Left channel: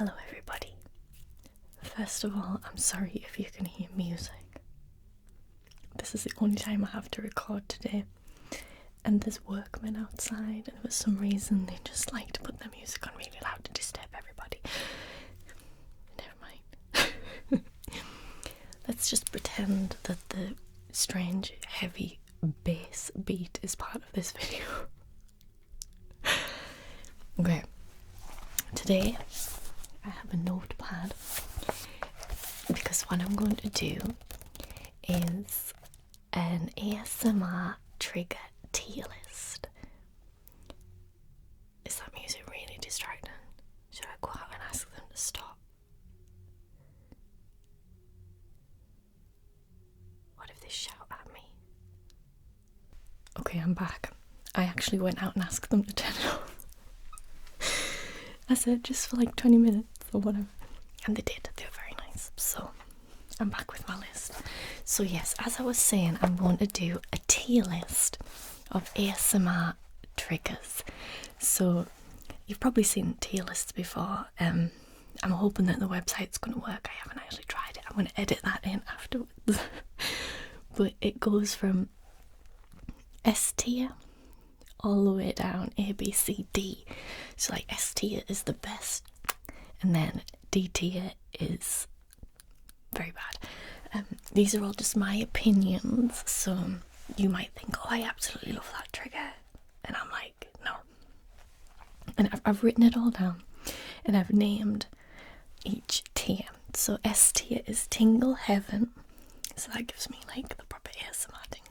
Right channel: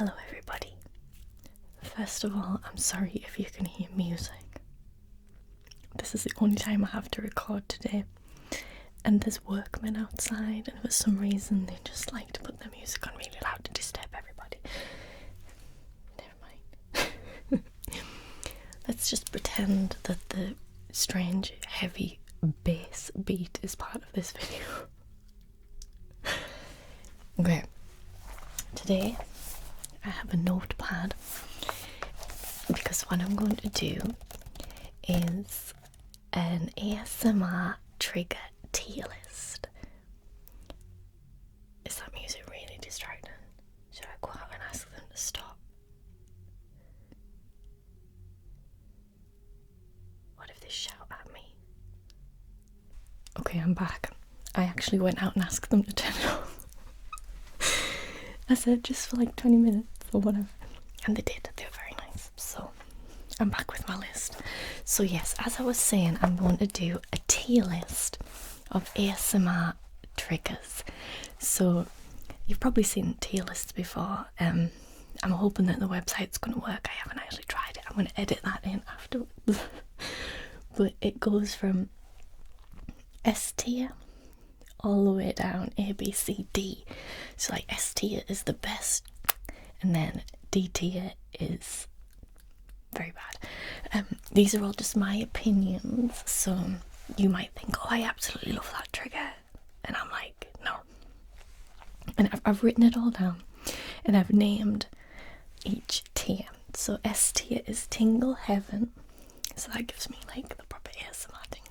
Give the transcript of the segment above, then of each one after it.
Hello everybody. First of all, I'm sorry if you can hear music. This is the only time I have to record today. And there's workmen outside, and for some reason they just like to put their music on really loud to disturb everybody. Never mind. Let's just pretend that the strange, heavy bass beat is part of this video. Okay. Today I have a notepad because what I'm going to do is an ASMR trigger tier list. Is that music really distracting? Should I go out and ask them to stop? What if they shout at me? Okay, I'm back. I actually went out and asked them to turn it off. I said just for like 20 minutes or whatever. And they did. They were very nice. So I'm back with my list. So yes, as I was saying, I'm going to do a tier list of ASMR triggers. So you've probably seen tier lists before. I'm hoping that the website's going to work. I haven't actually tried it. I'm going to edit that in afterwards. But it goes from S tier all the way down, A, B, C, D. So like S tier is the best, and then D tier is very bad. These are all just my opinions, so you might think, oh, I absolutely love that trigger, and I'm like, no. And I've written it all down, and I've named each tier. So S tier is Tingle Heaven, so that gives me like the proper ASMR tingles.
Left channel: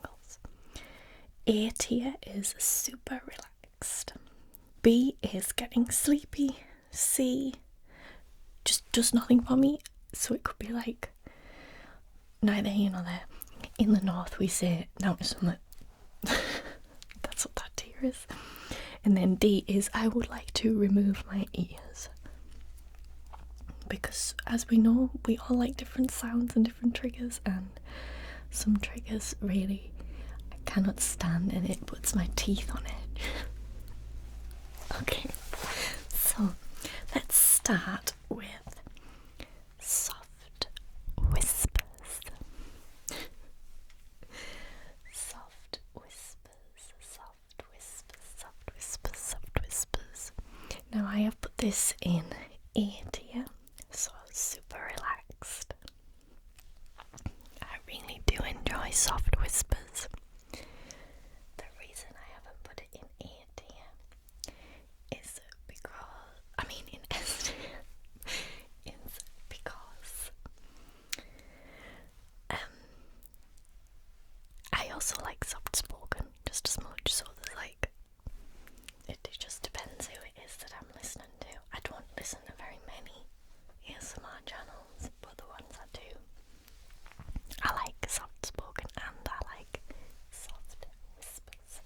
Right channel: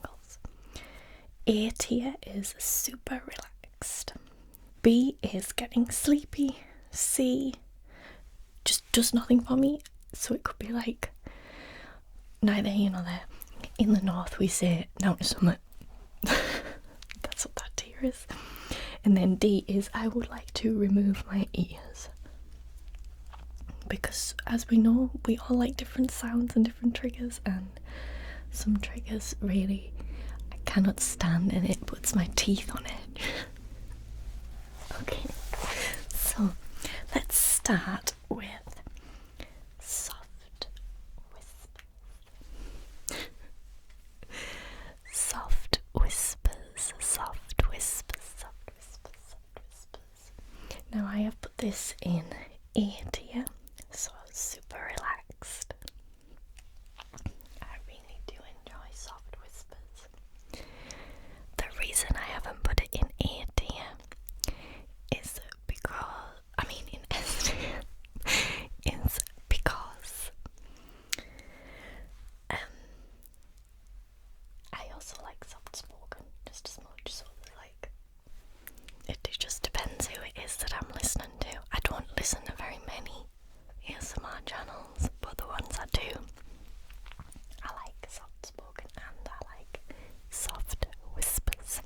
A tier is super relaxed. B is getting sleepy. C just does nothing for me, so it could be like neither here nor there. In the north we say now to summit. That's what that tier is. And then D is I would like to remove my ears, because as we know, we all like different sounds and different triggers, and some triggers really I cannot stand, and it puts my teeth on edge. Okay, so let's start with soft whispers. Soft whispers, soft whispers, soft whispers, soft whispers. Now I have put this in A tier, so super relaxed. I really do enjoy soft whispers. The reason I haven't put it in A tier is because, in S tier, is because I also like soft spoken just as much, so there's like, it just depends who it is that I'm listening to. I don't listen to very many ASMR channels, but the ones I do, I like soft spoken and I like soft whispers.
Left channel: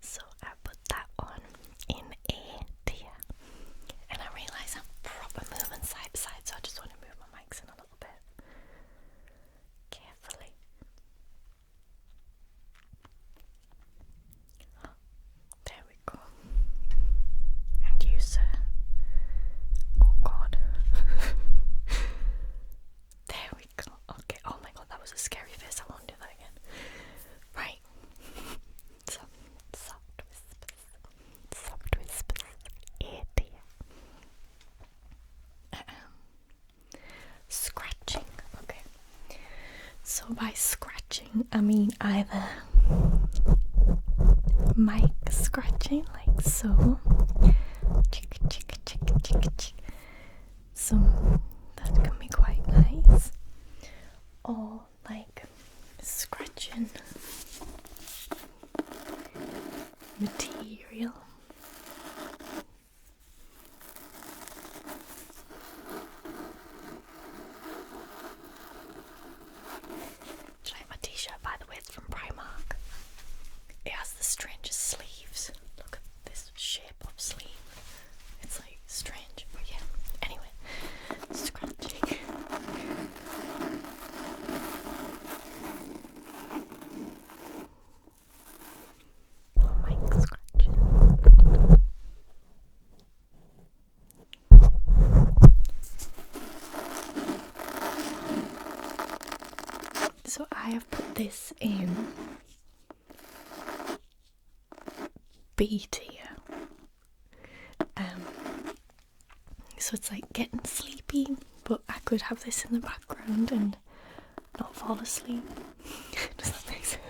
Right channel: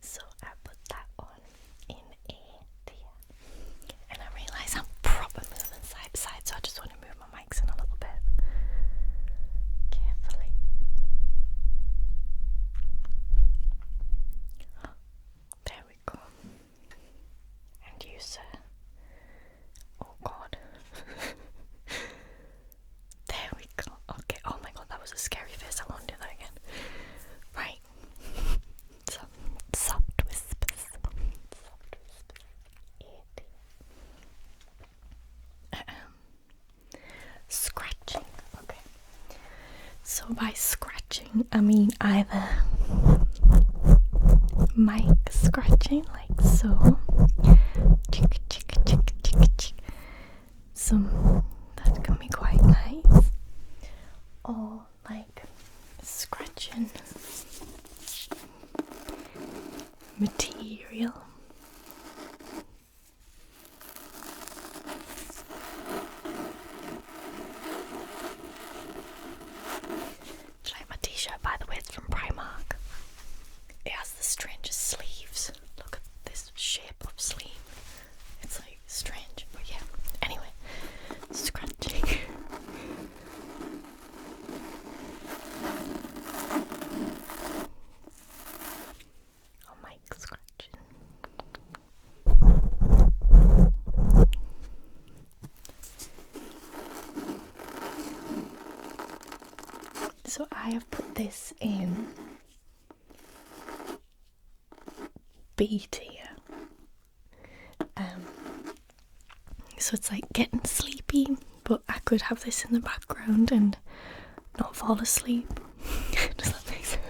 So I put that one in A tier. And I realise I'm proper moving side to side, so I just want to move my mics in a little bit. Carefully. There we go. And you, sir. Oh God. There we go. Okay. Oh my God, that was a scary face. I won't do that again. Right. So, soft whispers. Soft whispers. A tier. Scratching. Okay. So by scratching, I mean either mic scratching, like so. Chick, chick, chick, chick, chick. So that can be quite nice. Or like scratching material. It's like my t-shirt, by the way, it's from Primark. It has the strangest sleeves. Look at this shape of sleeve. It's like strange, but yeah. Anyway, scratching. Oh, mic scratching. I have put this in B tier. So it's like getting sleepy, but I could have this in the background and not fall asleep. Does that make sense?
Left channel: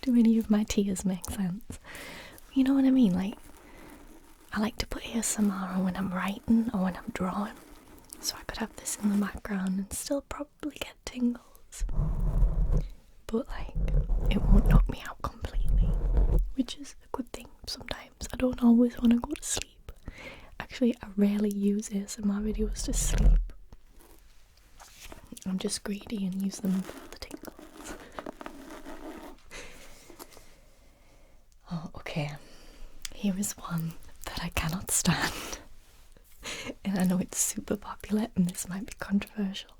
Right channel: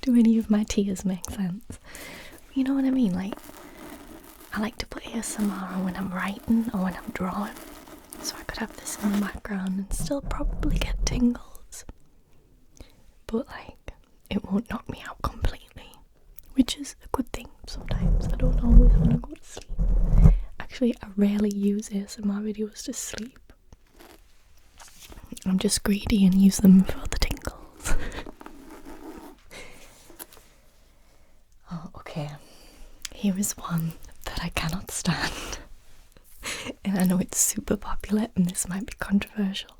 Do any of my tiers make sense? You know what I mean? Like, I like to put ASMR on when I'm writing or when I'm drawing. So I could have this in the background and still probably get tingles. But like, it won't knock me out completely, which is a good thing sometimes. I don't always want to go to sleep. Actually, I rarely use ASMR videos to sleep. I'm just greedy and use them for the tingles. Oh, okay. Here is one that I cannot stand. And I know it's super popular and this might be controversial,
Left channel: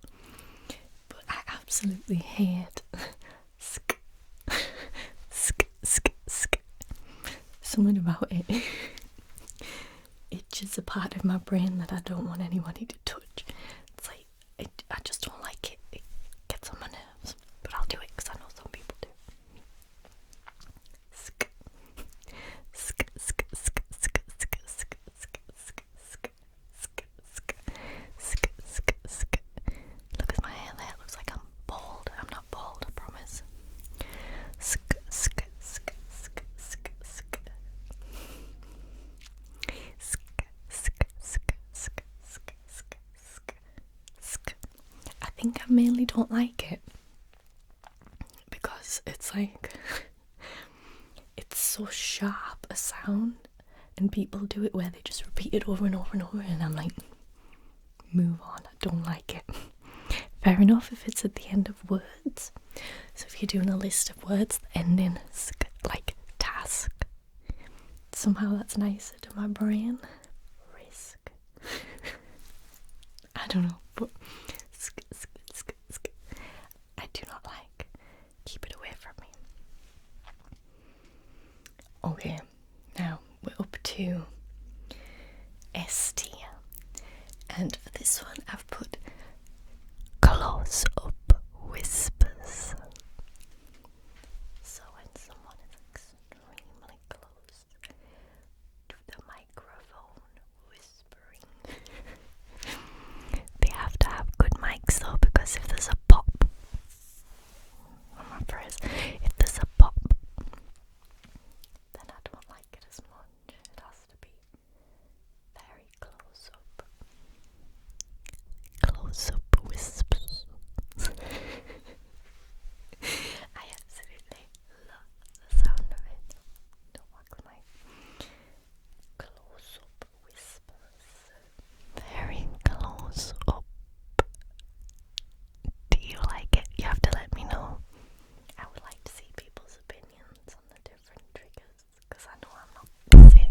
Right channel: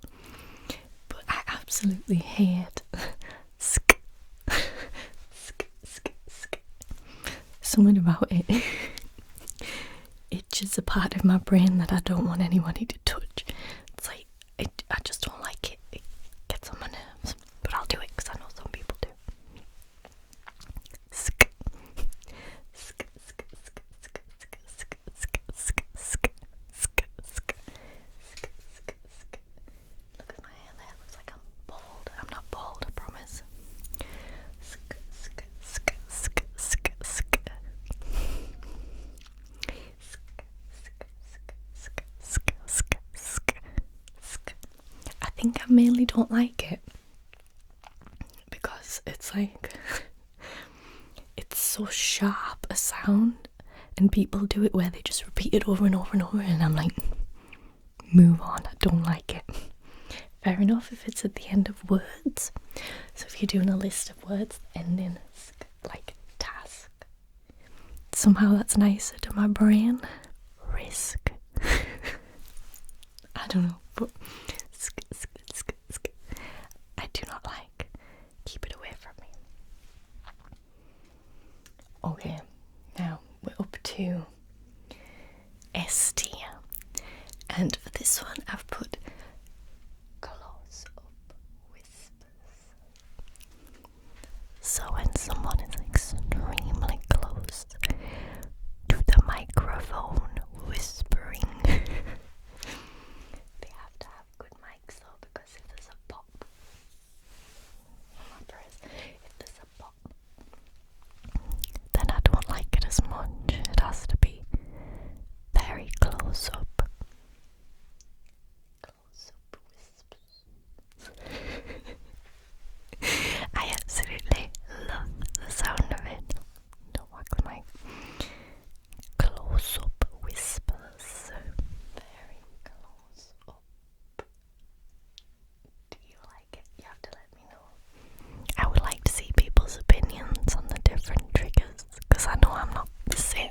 but I absolutely hate sk. Something about it itches a part of my brain that I don't want anybody to touch. It's like, I just don't like it. It gets on my nerves, but I'll do it because I know some people do. Sk. Sk, sk, sk, sk, sk, sk, sk, sk, sk, sk, sk, sk, sk, sk. Look at my hair there, it looks like I'm bald. I'm not bald, I promise. Sk, sk, sk, sk, sk, sk. I think I mainly don't like it because it's like it's so sharp a sound, and people do it where they just repeat it over and over and over, and I'm like, move on, I don't like it. Fair enough if it's at the end of words. So if you're doing a list of words, the ending like task, somehow that's nicer to my brain. Risk. I don't know, but I do not like. Keep it away from me. Okay, now we're up to S tier, and for this one I've put close up whispers. So when someone is extremely close to the microphone whispering, they have to have good mics though, because if there's a pop, if there's a pop, then I don't like it as much. It has to be very close up whispers. I absolutely love the sound of it. Don't whack the mic. Close up whispers. Very close up. Do you like it? You have to let me know. I would like to see people's opinions on the different triggers, because I know I'm not the same.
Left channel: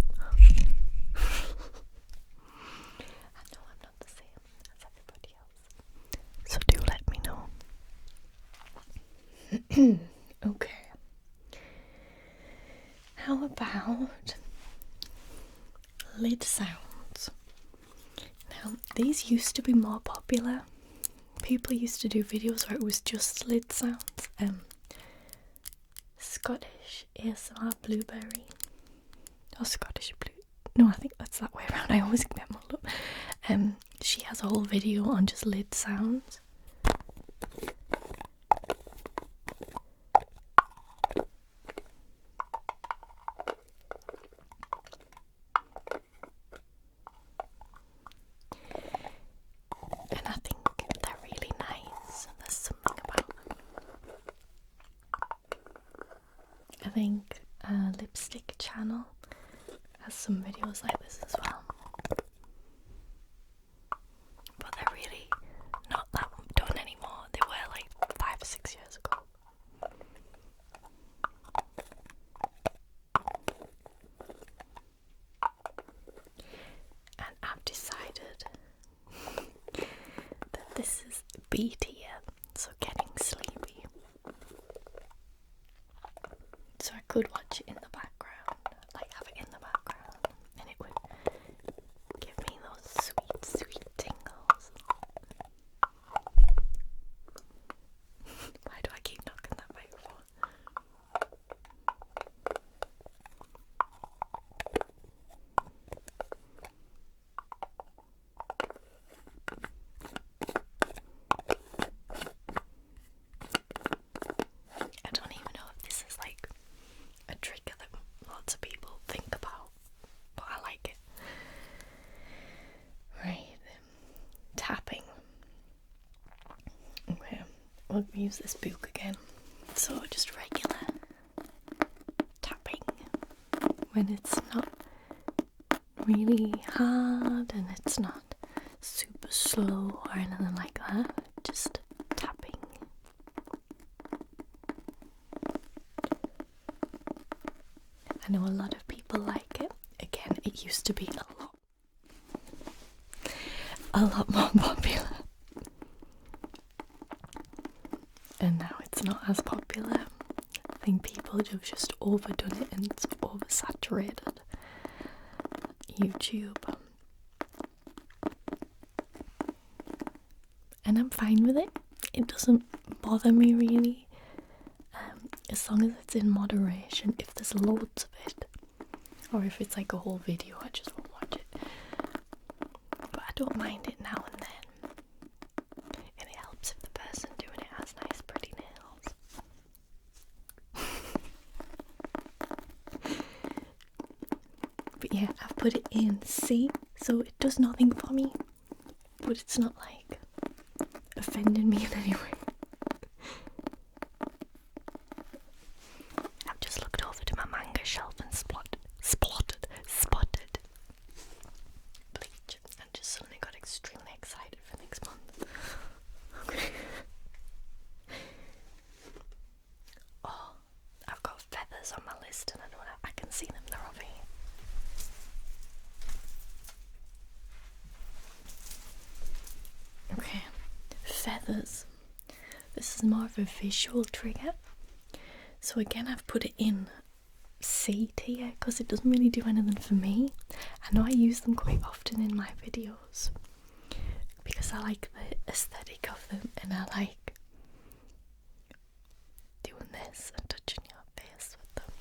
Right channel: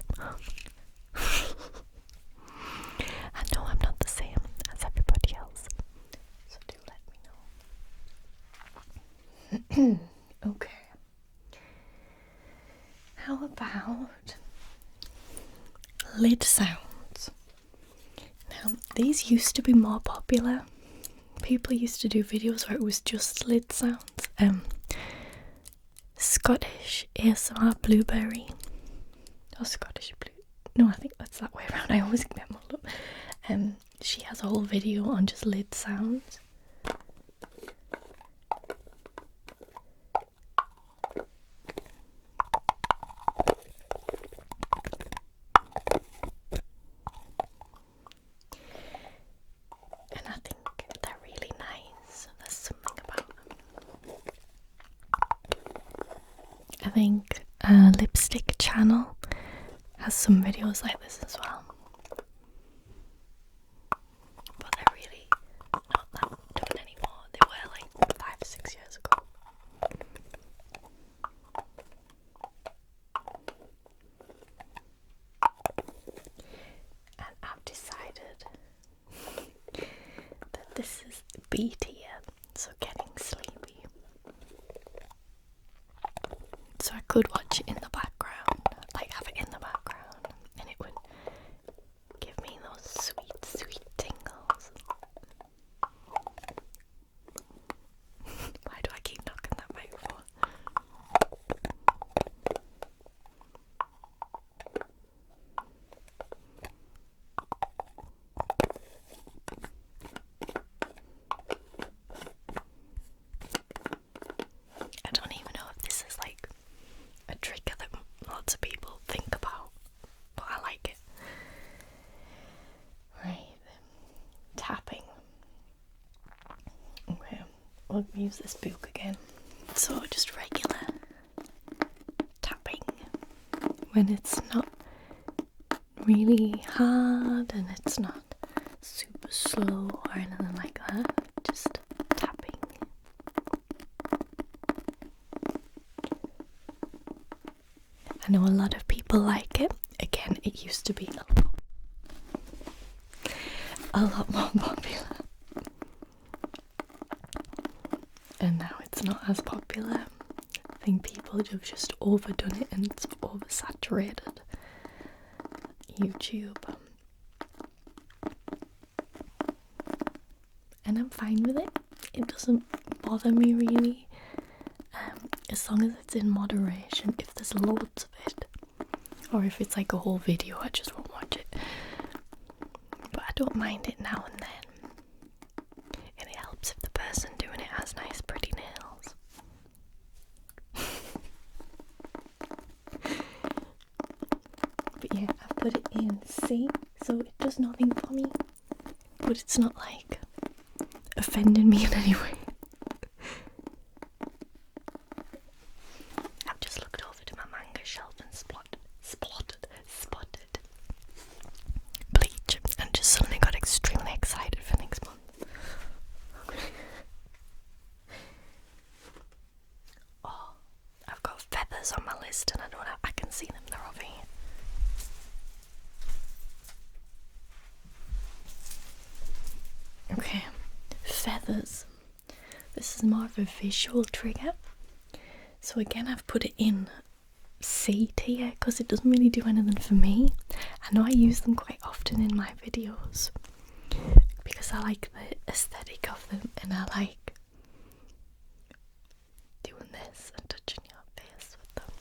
I know I'm not the same as everybody else. So do let me know. Okay. How about lid sounds? Now, these used to be more popular. People used to do videos where it was just lid sounds. Scottish ASMR Blueberry. Or Scottish Blue. No, I think that's that way around. I always get them all up. She has a whole video on just lid sounds. And I think they're really nice. There's something about them. I think Lipstick Channel has some videos like this as well. But they're really not that done anymore. They were like 5 or 6 years ago. And I've decided that this is B tier, so getting sleepy. So I could watch it in the background, like have it in the background, and it would give me those sweet, sweet tingles. Why do I keep we'll use this book again. So just regular tapping when it's not really hard and it's not super slow or anything like that. Just tapping. I know a lot of people like it. Again, it used to be a lot more popular. And now it's not as popular. I think people have just overdone it and it's oversaturated YouTube. And I'm fine with it. It doesn't bother me really. As long as it's in moderation. If there's loads of it, or if it's like a whole video, I just won't watch it. But I don't mind it now and then. And it helps if the person doing it has nice pretty nails. But yeah, I've put it in C, so it does nothing for me. But it's not like offending me in any way. I've just looked over to my manga shelf and spotted Bleach and just suddenly got extremely excited for next month. Okay. Oh, I've got feathers on my list and I can see them, they're over here. Okay, feathers. This is more of a visual trigger. So again, I've put it in C tier because it doesn't really do anything for me. I know I use them quite often in my videos because I like the aesthetic of them and I like doing this and touching your face with them.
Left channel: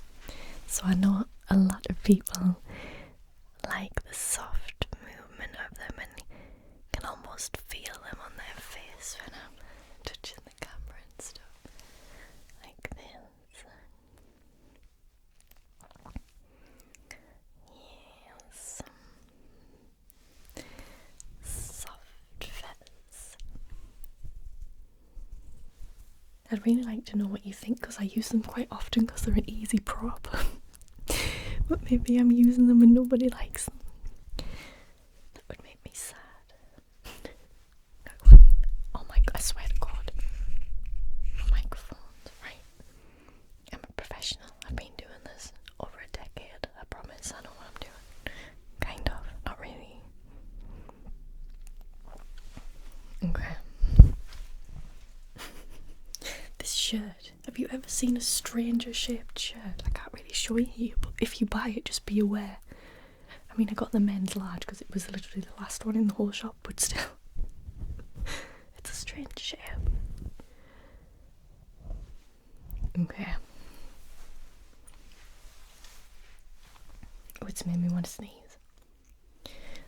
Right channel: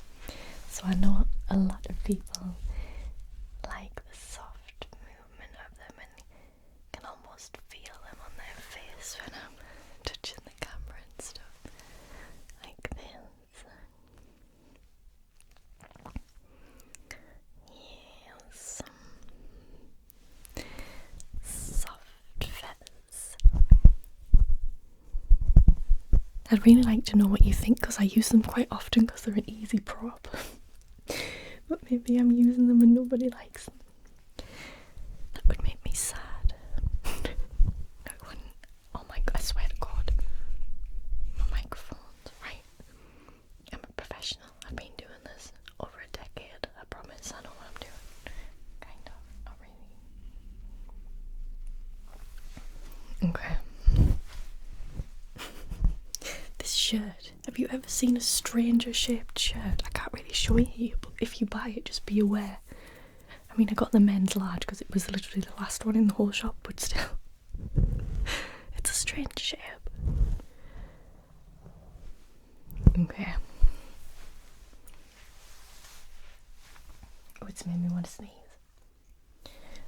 So I know a lot of people like the soft movement of them and can almost feel them on their face when I'm touching the camera and stuff like this. Yes. Soft feathers. I'd really like to know what you think because I use them quite often because they're an easy prop. But maybe I'm using them and nobody likes them. That would make me sad. Oh my god, I swear to god. My microphones, right? I'm a professional. I've been doing this over a decade. I promise I know what I'm doing. Kind of, not really. Okay. This shirt. Have you ever seen a stranger shaped shirt? I can't really show it here, but if you buy it, just be aware. I mean, I got the men's large because it was literally the last one in the whole shop, but still. It's a strange shape. Okay. Oh, it's made me want to sneeze.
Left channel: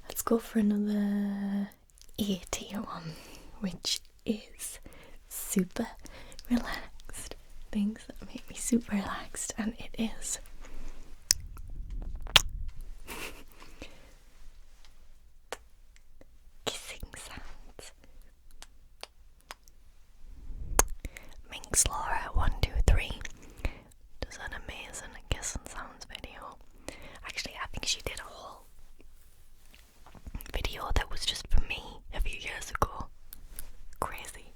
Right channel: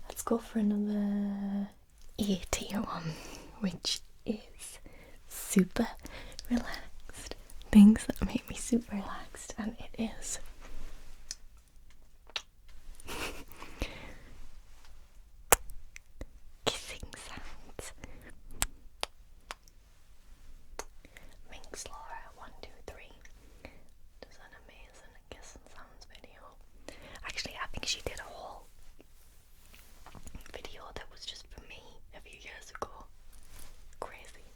Let's go for another A tier one, which is super relaxed. Things that make me super relaxed, and it is kissing sounds. Minx Laura 123 does an amazing kissing sounds video. Actually, I think she did a whole video that was just for me a few years ago. Crazy.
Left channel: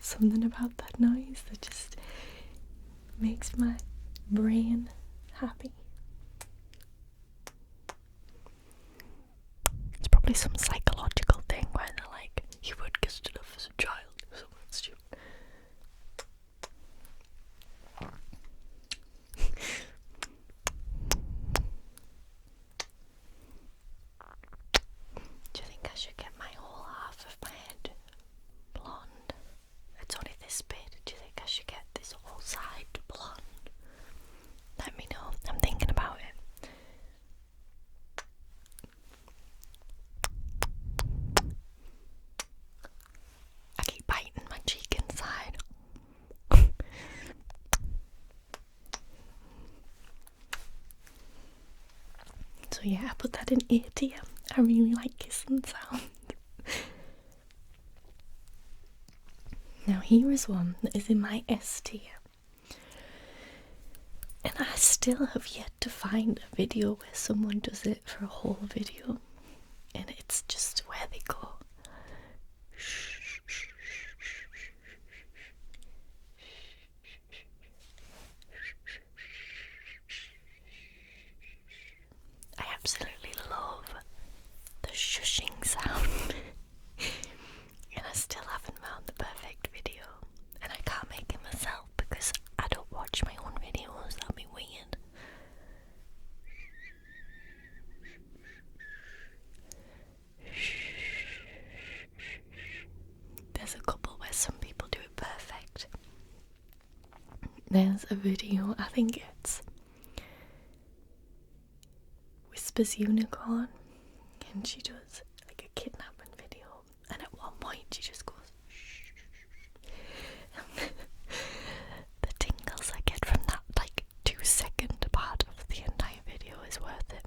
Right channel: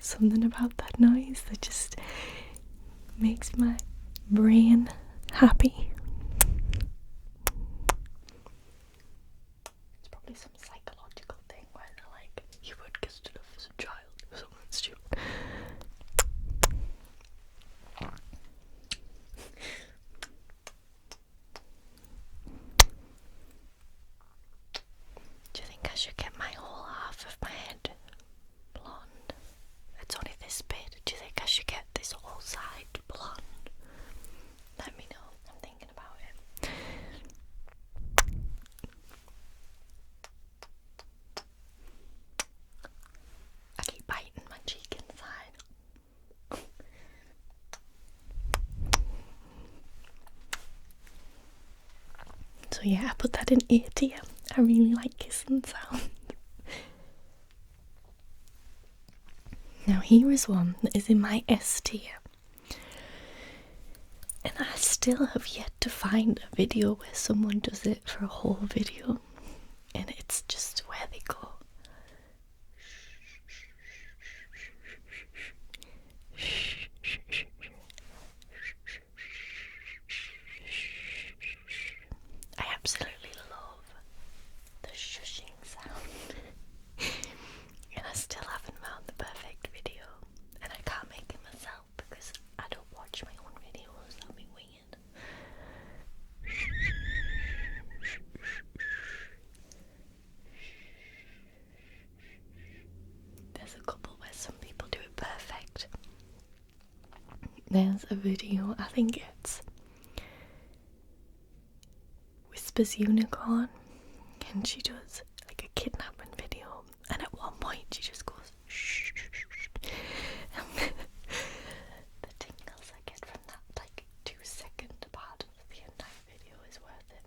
Something about that noise that just makes my brain happy. It's probably some psychological thing where they're like, you weren't kissed enough as a child or something stupid. Do you think I should get my whole half of my head blonde? It's only this bit. Do you think I should get this whole side blonde? Let me know. I'm thinking about it. yeah, I put that in A tier. I really like kissing sound. Now here is one that is in my S tier. And I still have yet to find a video where someone does it for a whole video. And it's just where they go. I absolutely love the shushing sound. And I still haven't found the perfect video. And I can't make it myself because I don't watch my own videos. That'd be weird. There's a couple where some people do it perfect. There's a video, I think it's Whispers Unicorn, and she does like a kidnapping video, and at one point she just goes shh. The tingles I get from that like 2-second part of the entire video is worth it.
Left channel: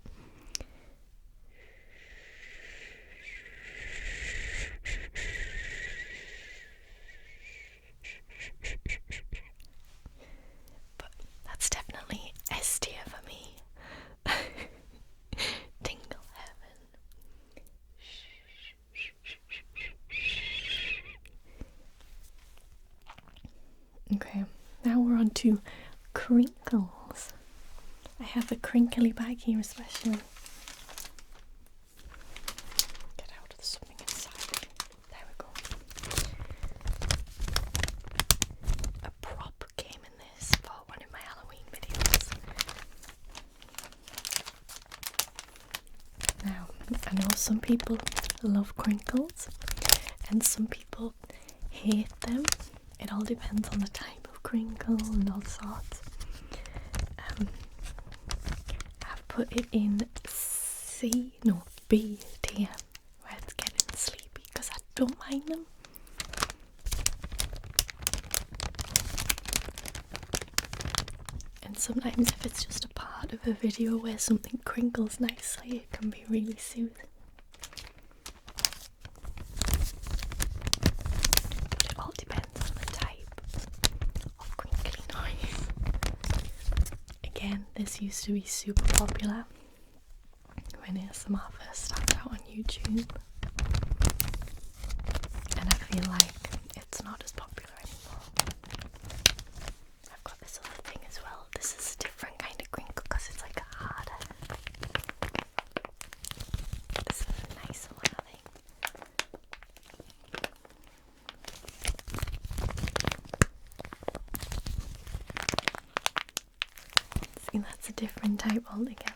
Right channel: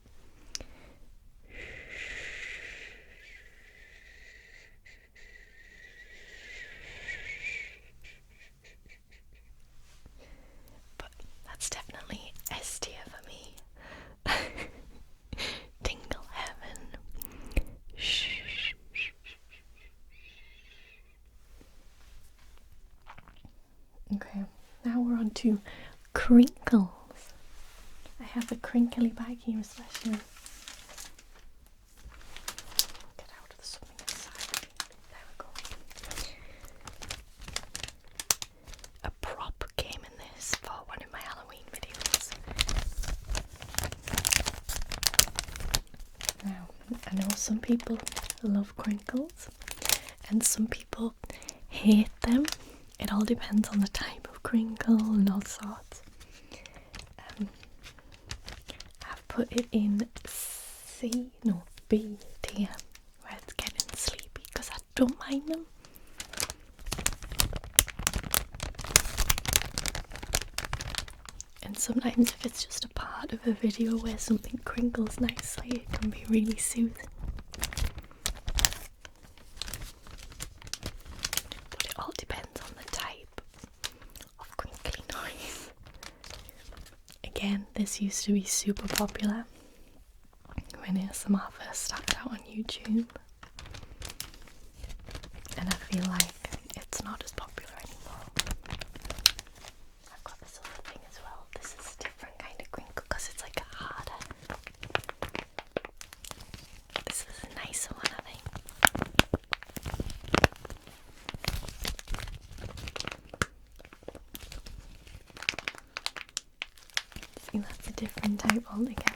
But that's definitely S tier for me. Tingle heaven. Okay, now we're on to Crinkles. I have a crinkly bag here especially. Get out of something inside. There we go. A prop came in this for one of my Halloween videos. Now, I know some people love crinkles and some people hate them. It all depends on the type of crinkle and all sorts. I've put it in B tier, where it's getting sleepy because I don't mind them. And sometimes if it's just a part of a video where something crinkles nicely, it can be really soothing. But it all depends on the type of crinkly noise. Again, this used to be super popular when ASMR first started out on YouTube. And I feel like it's not as popular anymore. I've got this other thing as well. This is a different kind of crinkle because it's like harder. This is a nicer one, I think. See, that's a different type altogether.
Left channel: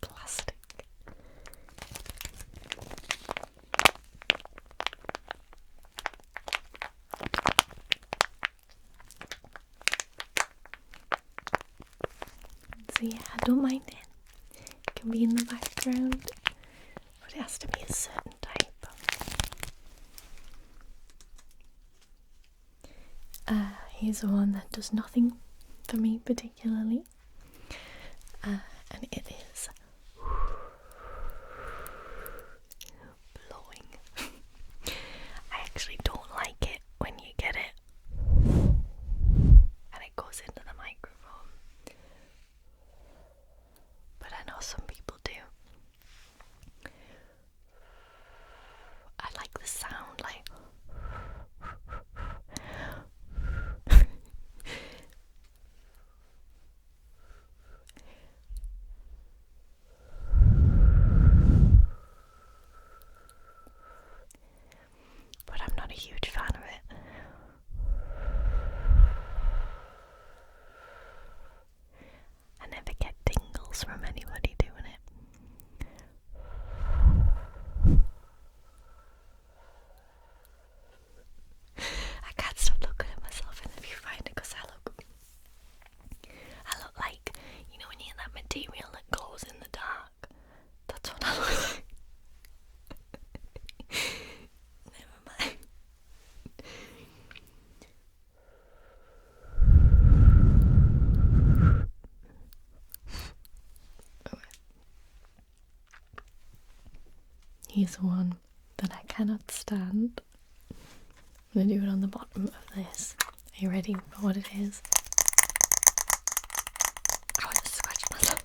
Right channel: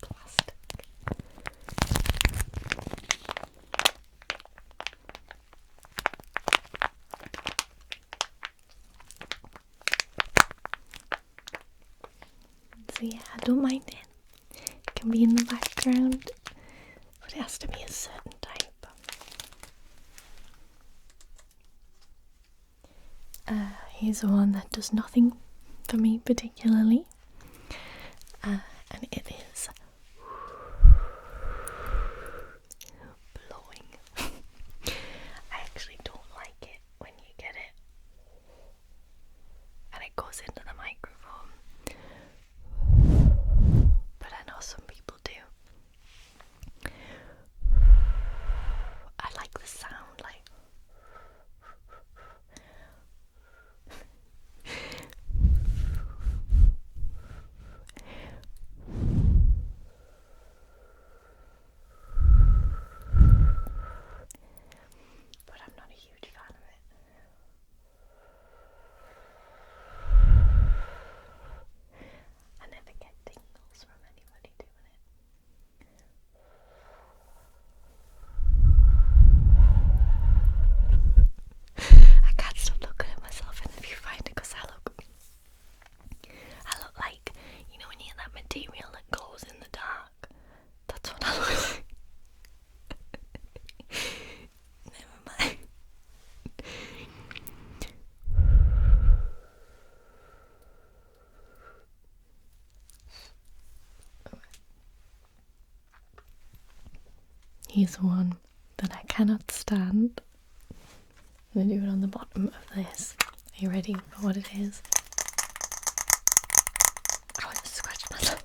Plastic. So yeah, I don't mind it. It can be in the background, but it has to be a certain type. Here's one that does nothing for me particularly, and it is blowing. I actually don't like it when you get it and it goes into the microphone, but I know some people do. I like the sound, like is one that I cannot stand. I'm going to do it on the bottom of this. Are you ready for what it is? Oh, I just scratched myself.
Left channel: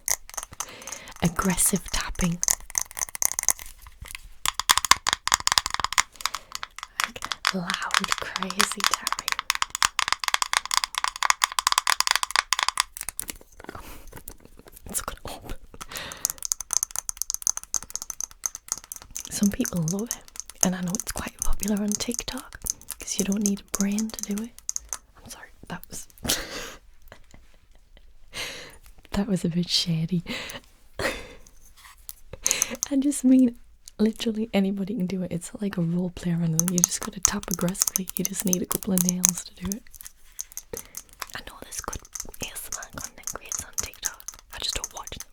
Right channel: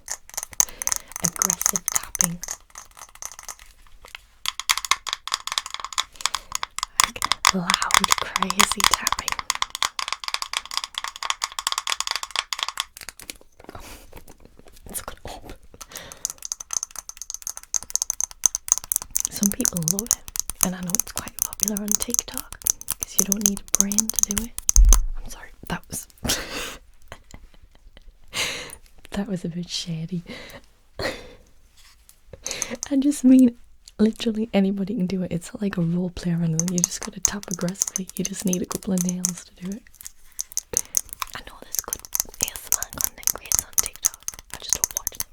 Aggressive tapping. Like loud, crazy tapping. Oh, it's got up. Some people love it, and I know it's quite popular on TikTok because you don't need a brain to do it. I'm sorry, that was that was a bit shady. I just mean literally anybody can do it. It's like a role play or anything. You just gotta tap aggressively. You just need a couple of nails to do it. I know there's good ASMR content creators on TikTok. I just don't watch them.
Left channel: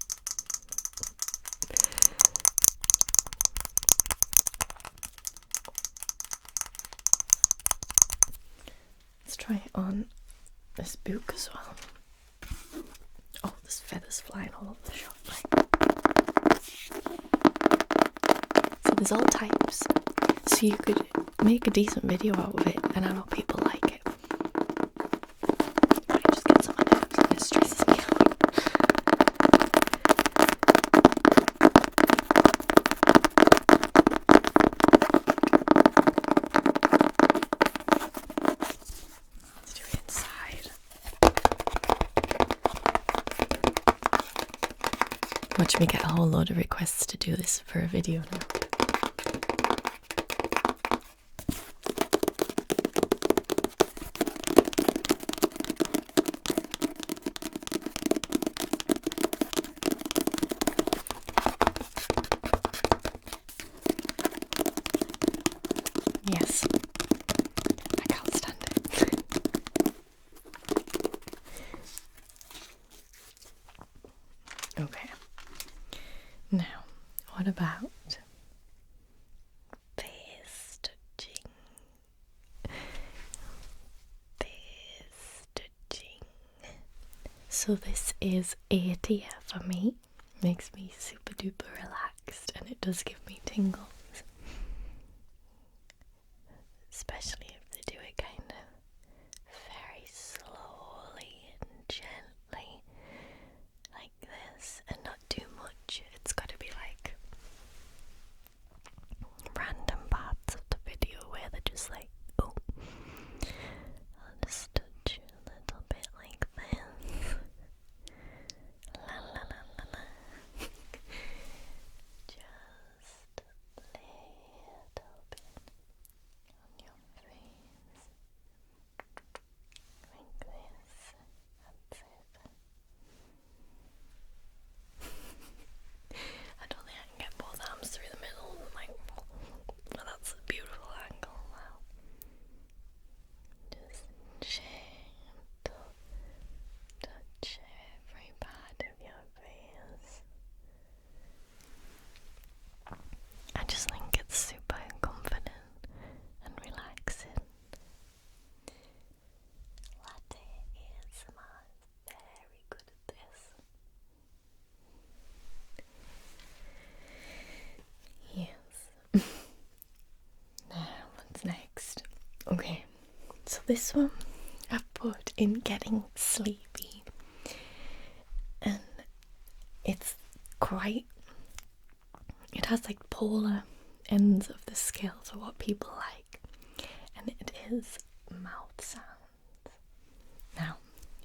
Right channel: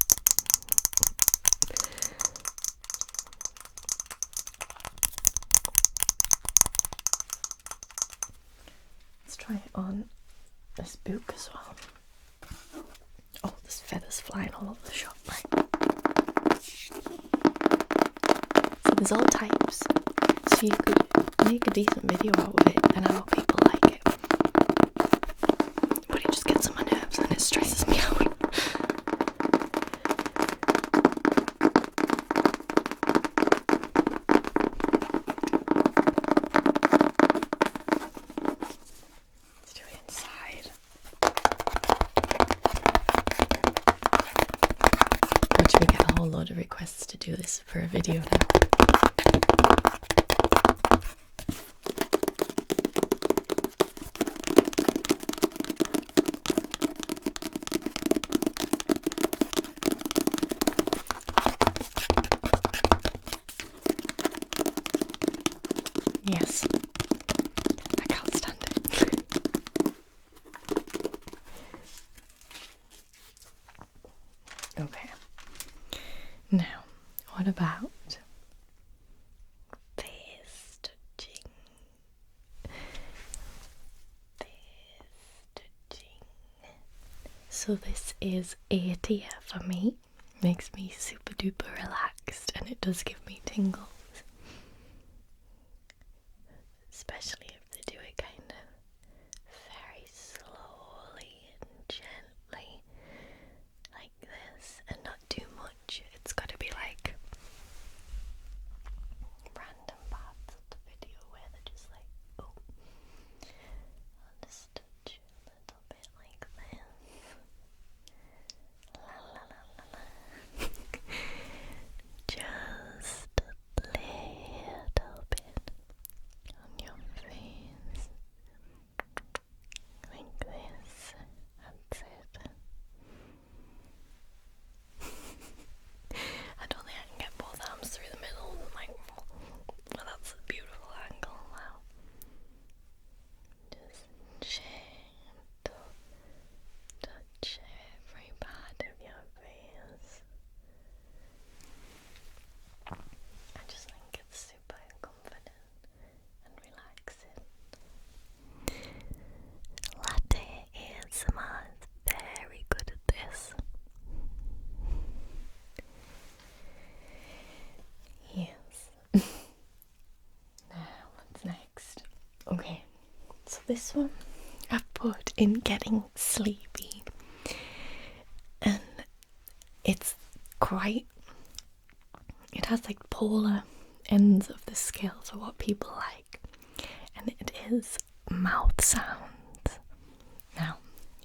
Let's try it on this book as well. Oh, there's feathers flying all over the shop. So there's all types. So you could make a decent video out of it, and I know people like it. But it just gets on my nerves and it stresses me out. Let's do it inside. Watch me get a whole load of requests to do this for a video now. Yes, I can't stand it. Okay, now what about face touching? Face touching. So this is A tier for me. Makes me super duper relaxed, and it does give me tingles. Especially if they do it kind of very slowly and gently, like this, and not too much. It's got to be like random parts of the video where they're just like, oh, I'll just touch you a little bit like this. La la la la la. Just a little bit on your face, like this. That's it. I don't think I can get both arms through the middle of the microphone, but that's a beautiful angle. Wow. Just gentle touch every part of your face. I just think it's super confident and relaxing. Latte ASMR is very good at this. Yes. Now, what's next? Okay, so this one I've put in getting sleepy, and it's quite, it has like polar ends of the scale for what people like, and it is mouth sounds. Now,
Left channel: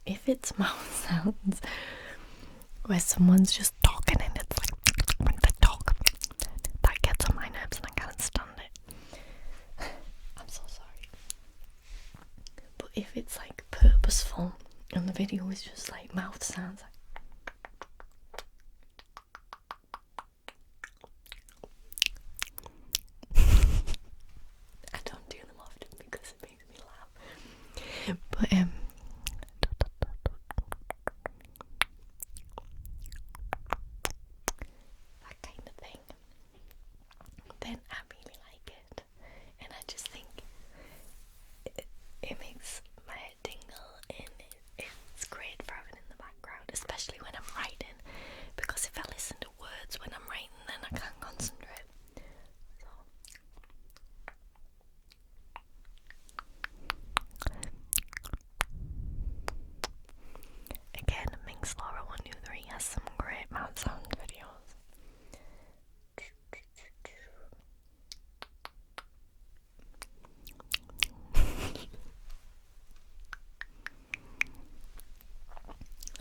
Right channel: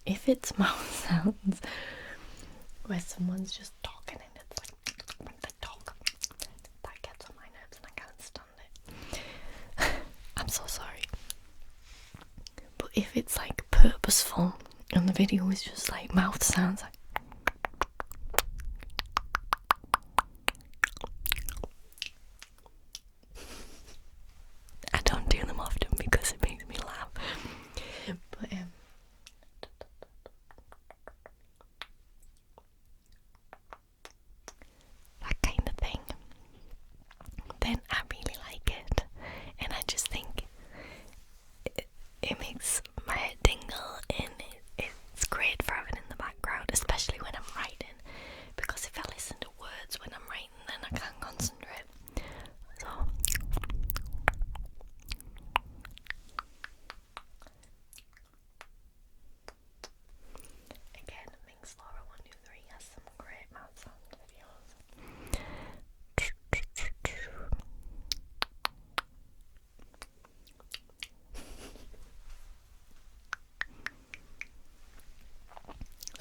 if it's mouth sounds where someone's just talking and it's like when they talk, that gets on my nerves and I can't stand it. I'm so sorry. But if it's like purposeful and the video is just like mouth sounds, like I don't do them often because it makes me laugh. But that kind of thing, then I really like it, and I just think it makes my head tingle, and it's great for having in the background, especially when I'm writing, because if I listen to words when I'm writing, then I can't concentrate.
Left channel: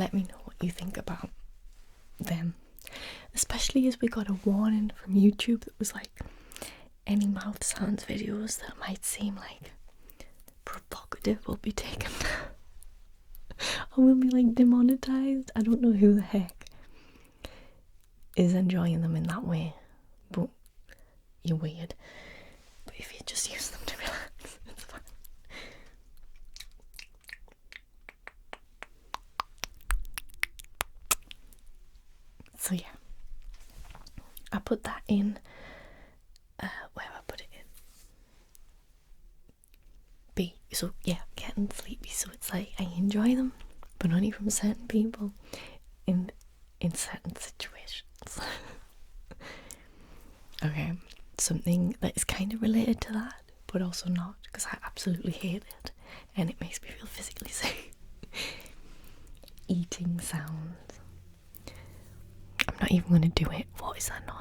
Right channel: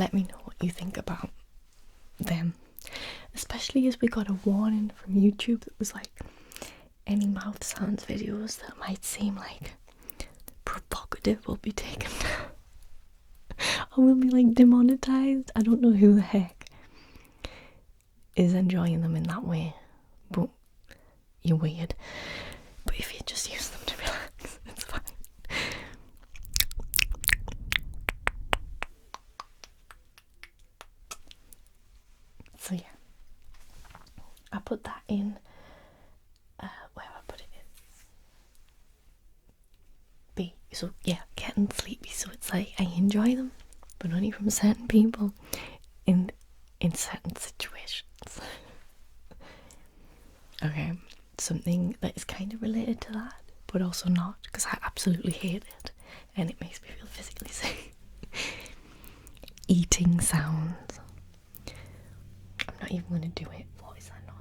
let me know what you think about them. Especially as we got a warning from YouTube that was like, any mouth sounds videos that might seem like provocative will be taken down. I will be like demonetized. I don't know who the heck is enjoying them in that way, but you're weird. But if you just use them to relax, it's fine. So yeah, I put that in. Where I put it in? B. So yeah, getting sleepy. So it's like I enjoy them, but only from certain people in certain situations. Okay, something that is kind of related to that, but also not, because I absolutely hate it, and it makes me feel physically sick. Eating sounds. I'm not even going to do it. What is that noise?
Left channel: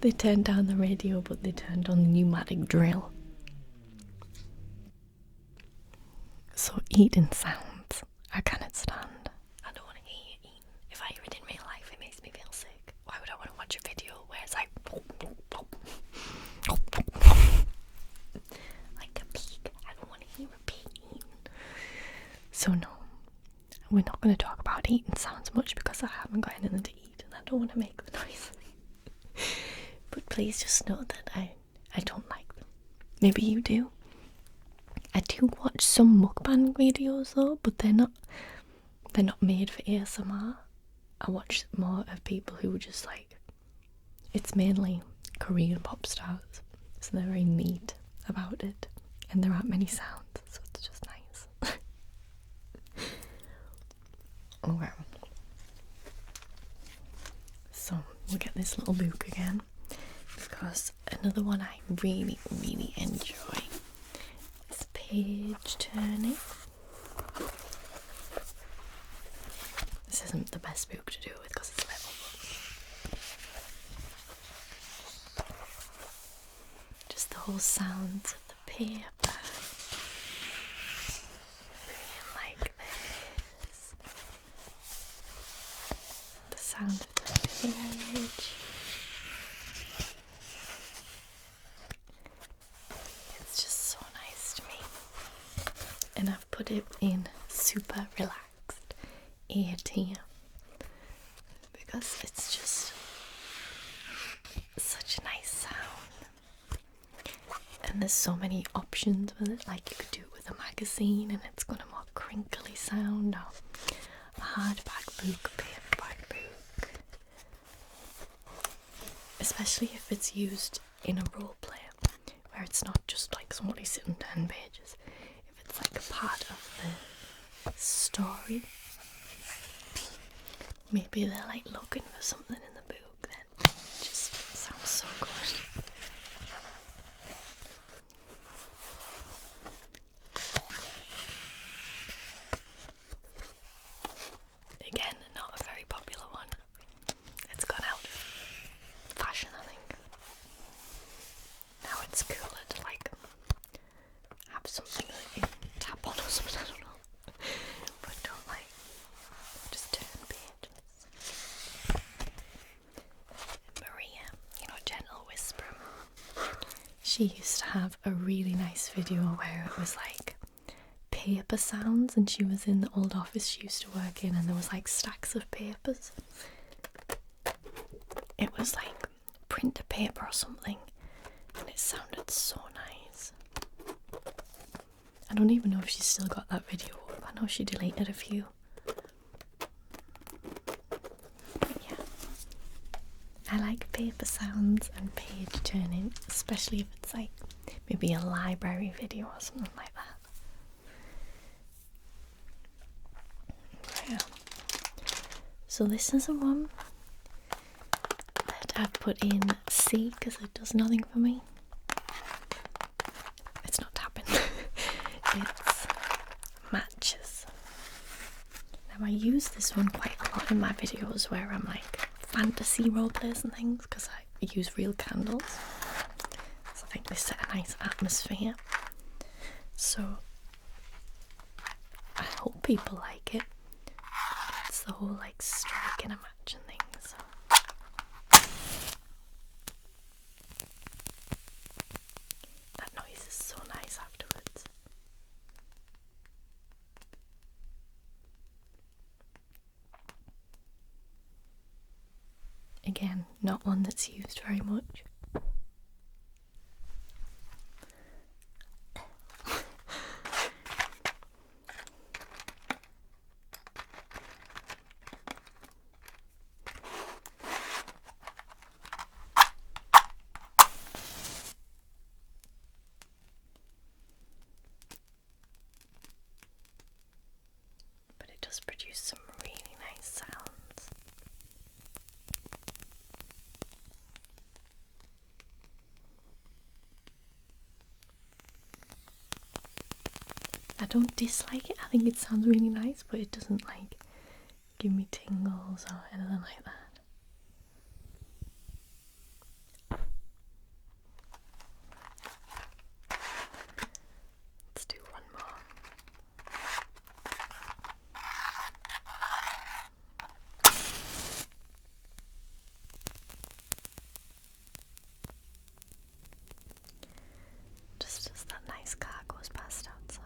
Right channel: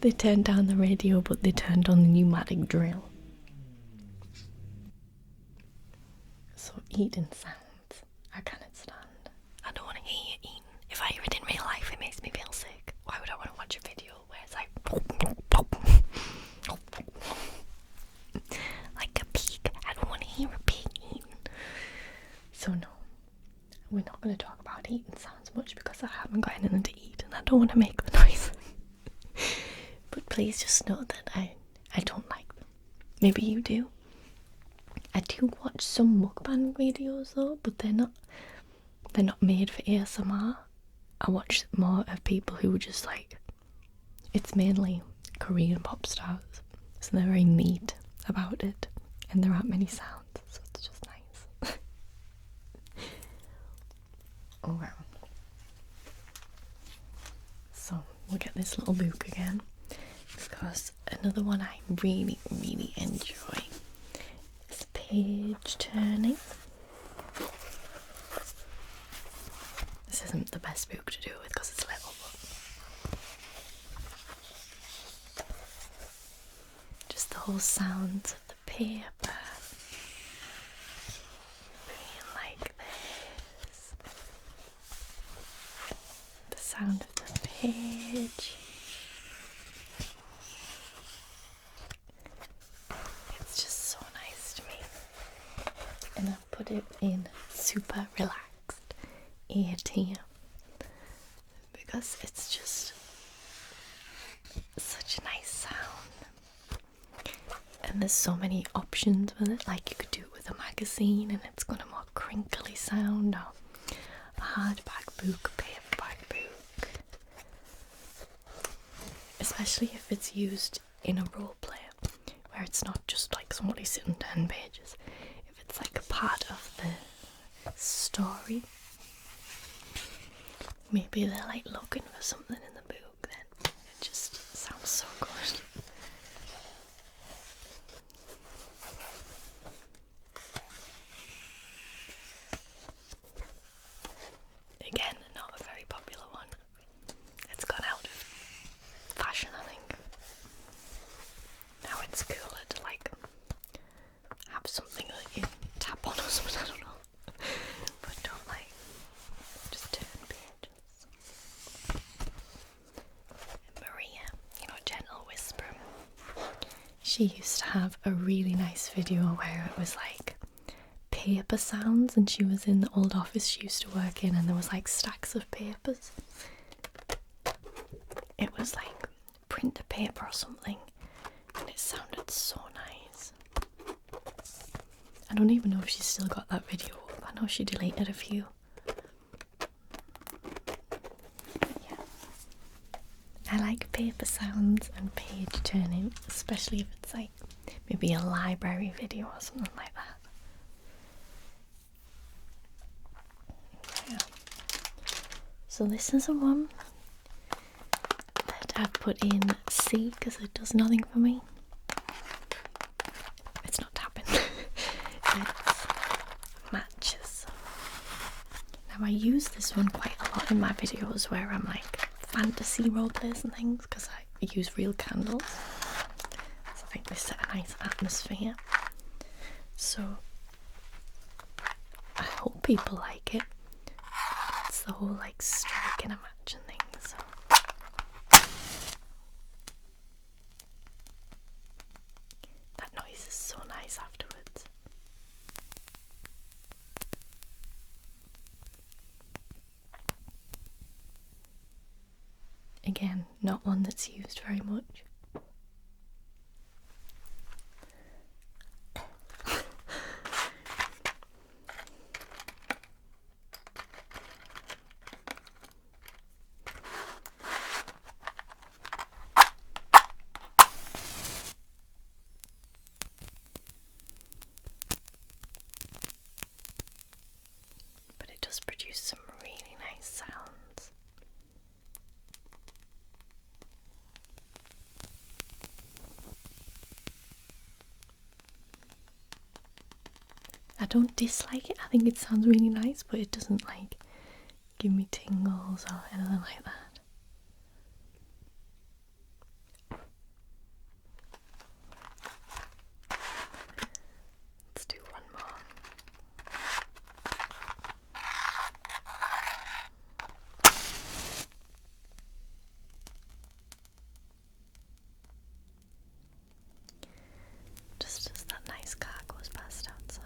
They turned down the radio, but they turned on the pneumatic drill. So eating sounds, I cannot stand. I don't want to hear you eating. If I hear it in real life, it makes me feel sick. Why would I want to watch a video where it's like like a pig? I don't want to hear a pig eating. So no, we're not going to talk about eating sounds much because I haven't got anything to eat and I don't want to make the noise. But please just know that I don't like them. Maybe you do. I do watch some mukbang videos though, but they're not made for ASMR. I watch more of people who are just like, it's mainly Korean pop stars, so they're very neat about it, and there aren't many sounds, so it's just nice. Okay. So we'll get this little book again, because another one I really, really enjoy is page turning. This isn't the best book to do it with because it's little, but just the whole sounds of the paper being like this, the sound of the page. It's just so nice to me, and I've put it in super relaxed ear tier because it's just such a nice sound, and there's so many options with it. Like you could do it with a magazine and it's got a more crinkly sound, or a hardback book, paperback book, especially if it's used in a role play where it's not just like somebody sitting 10 pages. If it's like a part of the story, maybe they're like looking for something in the book, then it just sounds so good. Again, not a very popular one. It's gone out of fashion, I think. Now it's cooler to like have something that you tap on or something, I don't know. But don't like just turn pages. Maria, Gentle Whisper, she used to have a really nice video where it was like paper sounds, and she was in the old office she used to work in, and there was like stacks of papers. It was like printer paper or something, and it sounded so nice. I don't even know if she's still got that video up. I know she deleted a few. Yeah. I like paper sounds and page turning, especially if it's like maybe a library video or something like that. Yeah. So this is the one that I've put in C because it does nothing for me. It's not tapping. It's matches. Now I use this one quite a lot in my videos where I'm like fantasy roleplays and things, because I use real candles. So I think they set a nice atmosphere. So I hope people like it. It's the whole like strike and a match and things. That noise is so nice afterwards. Again, not one that's used very much. But it does produce some really nice sounds. I don't dislike it. I think it sounds really nice, but it doesn't like give me tingles or anything like that. Let's do one more. Just as that nice car goes past outside.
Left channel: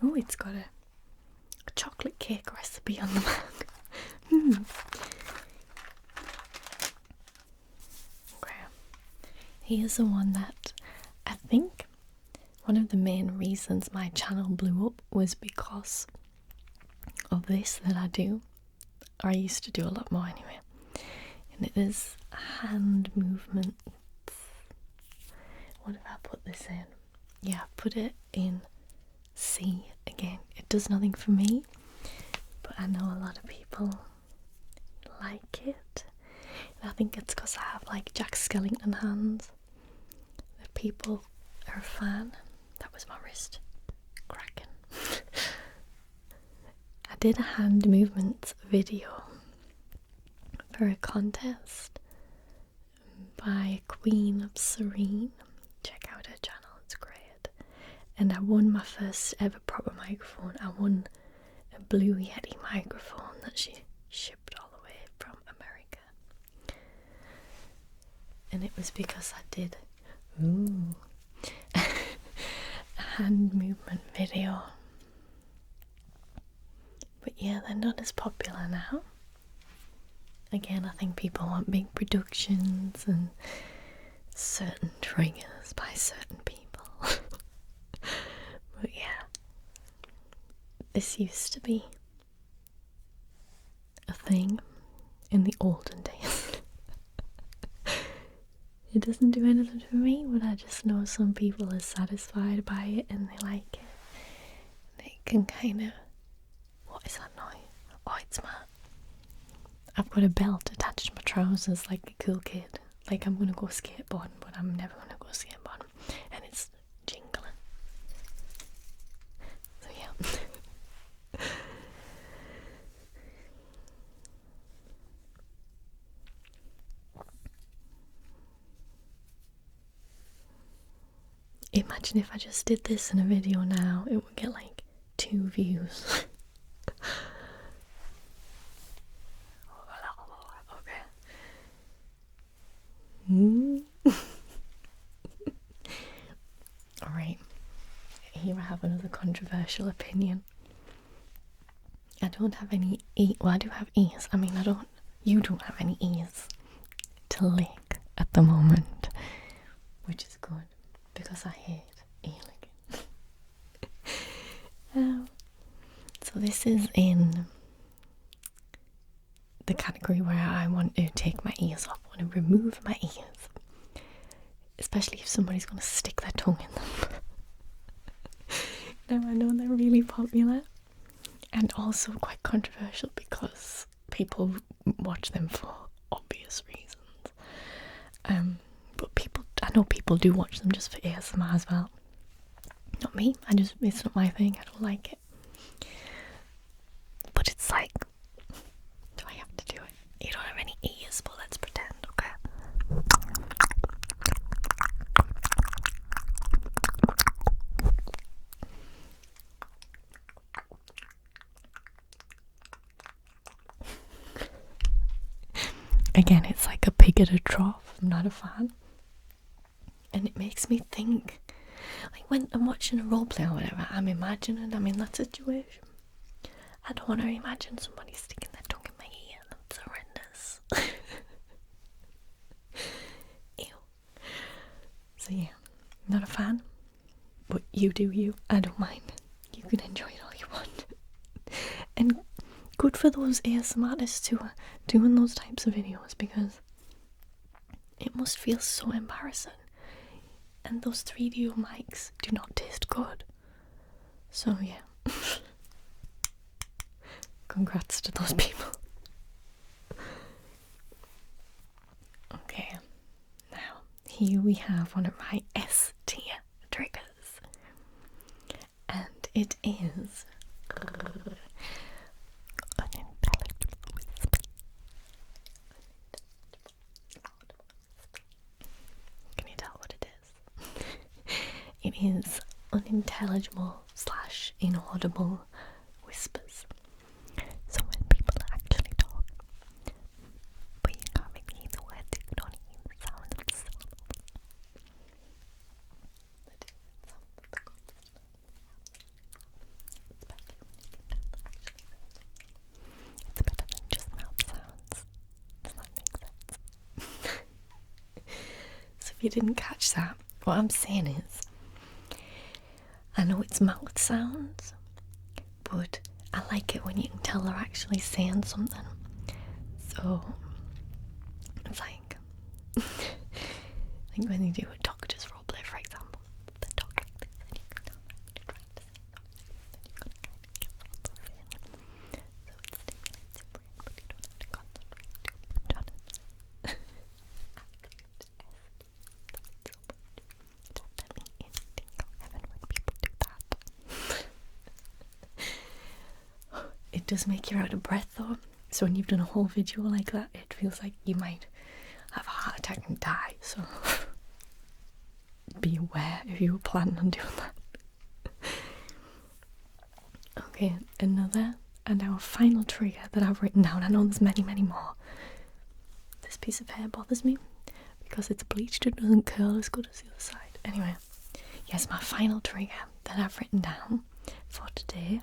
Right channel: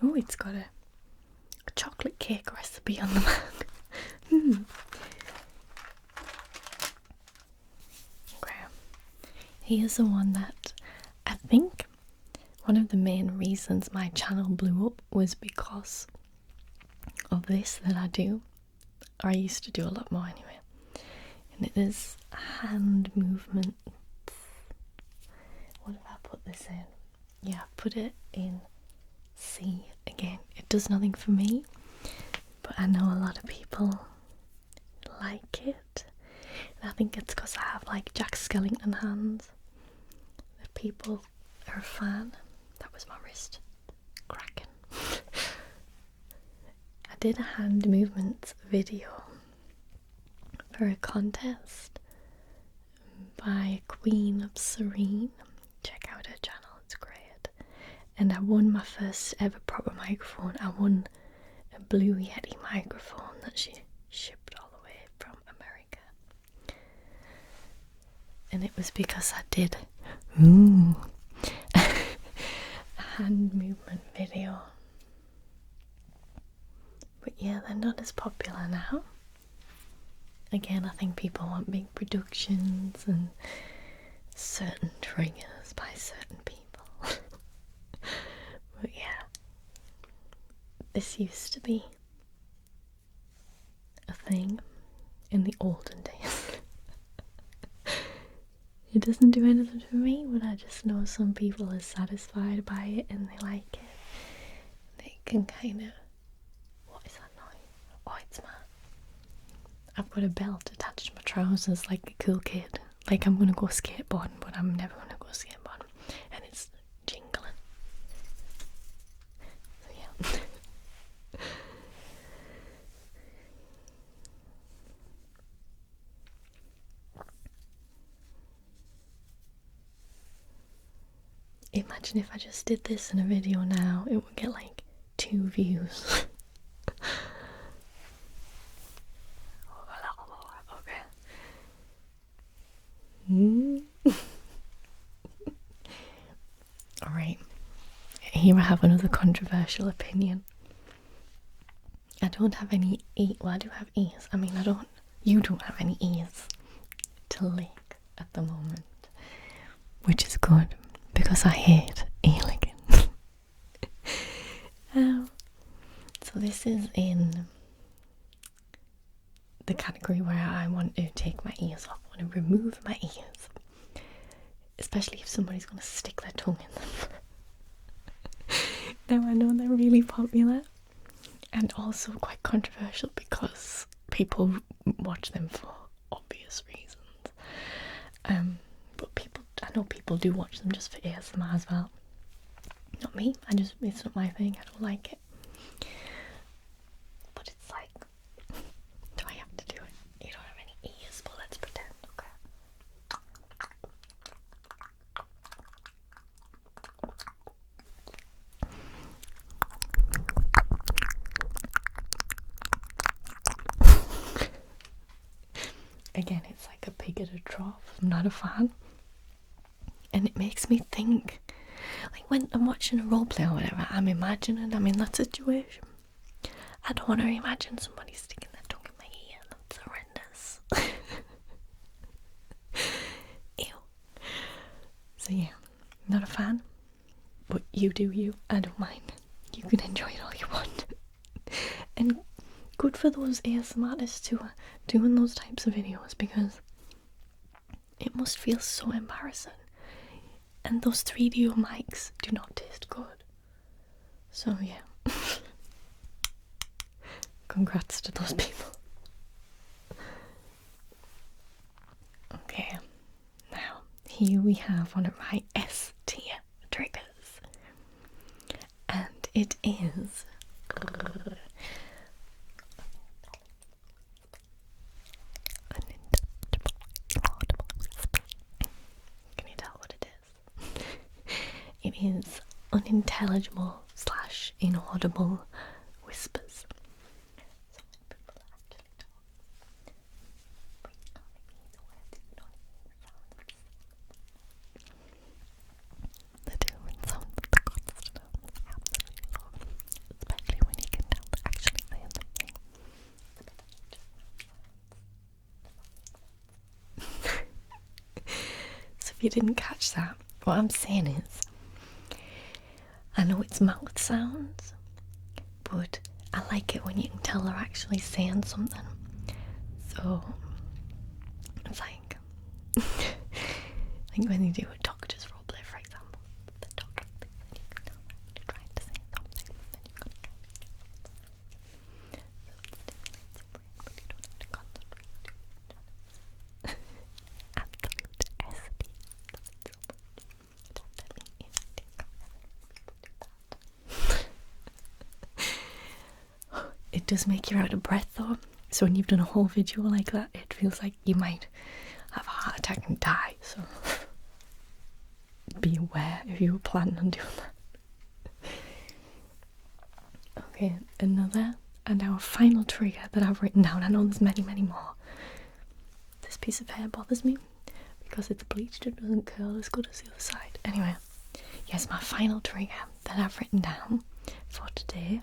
Oh, it's got a chocolate cake recipe on the back. Okay. Here's the one that I think one of the main reasons my channel blew up was because of this that I do, or I used to do a lot more anyway, and it is hand movements. What did I put this in? Yeah, I put it in C again. It does nothing for me, but I know a lot of people like it, and I think it's because I have like Jack Skellington hands that people are a fan. That was my wrist cracking. I did a hand movements video for a contest by Queen of Serene. Check out her channel, it's great. And I won my first ever proper microphone. I won a Blue Yeti microphone that she shipped all the way from America. And it was because I did a hand movement video. But yeah, they're not as popular now. Again, I think people want big productions and certain triggers by certain people. But yeah, this used to be a thing in the olden days. It doesn't do anything for me, but I just know some people are satisfied by it and they like it. They can kind of... What is that noise? Oh, it's my... I've got a belt attached to my trousers like a cool kid. Like I'm gonna go skateboarding, but I'm never gonna go skateboarding. And it's jingling. So yeah. Imagine if I just did this in a video now, it would get like 2 views. Alright, here I have another controversial opinion. I don't have any well, I do have ears. I mean, you don't have any ears to lick at the moment, which is good because I hate ear licking. So this is in the category where I want to take my ears off. I want to remove my ears, especially if somebody's going to stick their tongue in them. Now I know they're really popular and also quite controversial because people watch them for obvious reasons. I know people do watch them just for ASMR as well. Not me, it's not my thing, I don't like it. But it's like, do I have to do it? You don't have any ears, but let's pretend, okay? Again, it's like a pig at a trough. I'm not a fan. And it makes me think. Like when I'm watching a roleplay or whatever, I'm imagining I'm in that situation. I don't want to imagine somebody sticking their tongue in my ear. That's horrendous. Ew. So yeah, not a fan. But you do you. I don't mind. You can enjoy it all you want. And good for those ASMR artists who are doing those types of videos, because it must feel so embarrassing. And those 3D mics do not taste good. So yeah. Congrats to those people. Okay. Now, here we have one of my S tier triggers. And it is it is unintelligible / inaudible whispers. So when people actually talk, but you can't make me hear the words, you can only hear the sound of the syllables. The different sounds of the consonants, absolutely, especially when you can tell they're actually saying something. It's better than just mouth sounds. Does that make sense? So if you didn't catch that, what I'm saying is, I know it's mouth sounds, but I like it when you can tell they're actually saying something. So it's like when you do a doctor's roleplay, for example, the doctor thinks that you can tell they're trying to say something, and then you've got to kind of get sort of in. So it stimulates your brain, but you don't have to concentrate too much on it. Absolute SD. Don't let me in tingle heaven when people do that. It does make you out of breath though, so when you've done a whole video like that, it feels like you might have a heart attack and die, so be aware if you were planning on doing that. Okay, another and our final trigger that I've written down. I know there's many more. This piece of hair bothers me because it's bleached, it doesn't curl as good as the other side. Anyway, yes, my final trigger that I've written down for today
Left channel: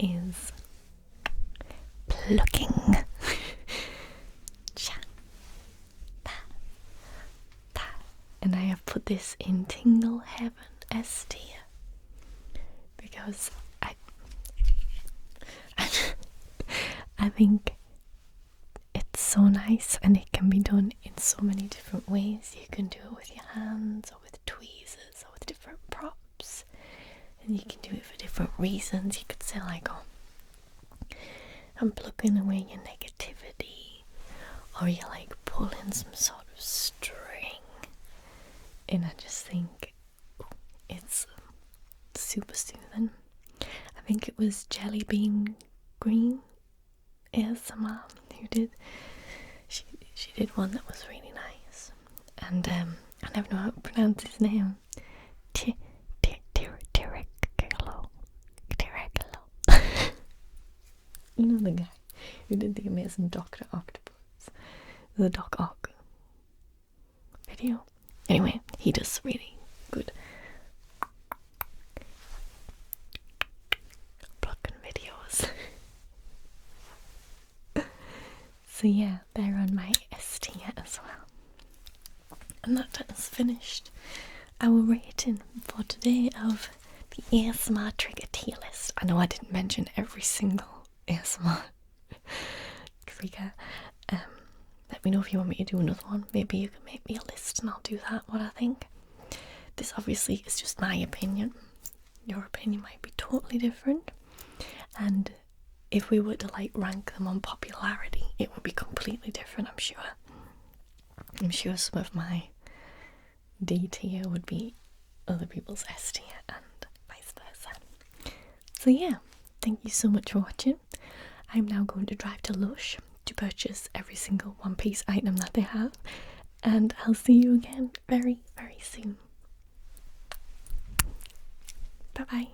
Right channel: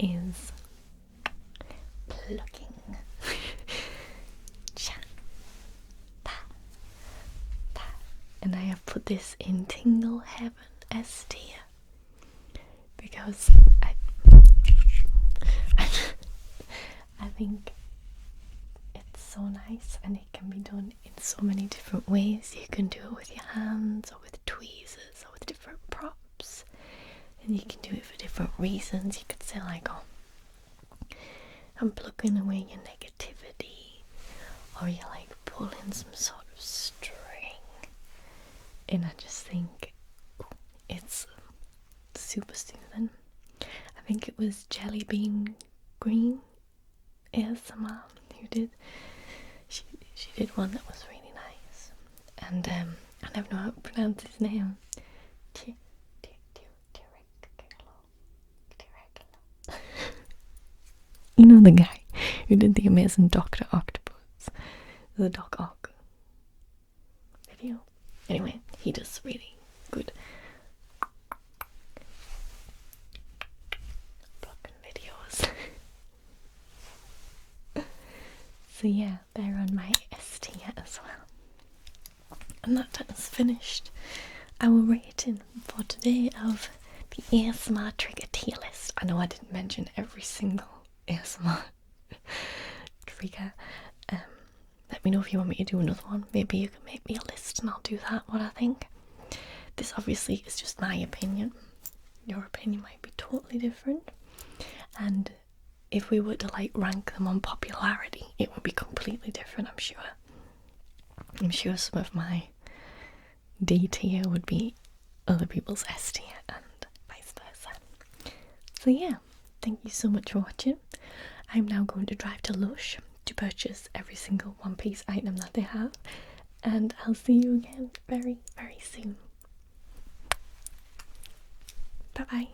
is plucking. And I have put this in Tingle Heaven S tier because I think it's so nice, and it can be done in so many different ways. You can do it with your hands, or with tweezers, or with different props, and you can do it for different reasons. You could say like, oh, I'm plucking away your negativity, or you're like pulling some sort of string. And I just think it's super soothing. I think it was Jelly Bean Green ASMR who did. She did one that was really nice. And I never know how to pronounce his name. You know the guy who did the amazing Dr. Octopus, the Doc Ock video. Anyway, he does really good plucking videos. So yeah, they're on my S tier as well. And that has finished our rating for today of the ASMR trigger tier list. I know I didn't mention every single ASMR trigger. Let me know if you want me to do another one. Maybe you can make me a list and I'll do that, what I think. This obviously is just my opinion. Your opinion might be totally different. And if we were to like rank them on popularity, it would be completely different, I'm sure. I'm sure some of my D tier would be other people's S tier and vice versa. So yeah, thank you so much for watching. I'm now going to drive to Lush to purchase every single One Piece item that they have, and I'll see you again very, very soon. Bye bye.